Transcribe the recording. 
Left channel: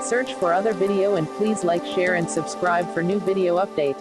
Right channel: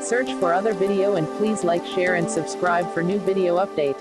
Search for other video and please like, share and subscribe for new video update.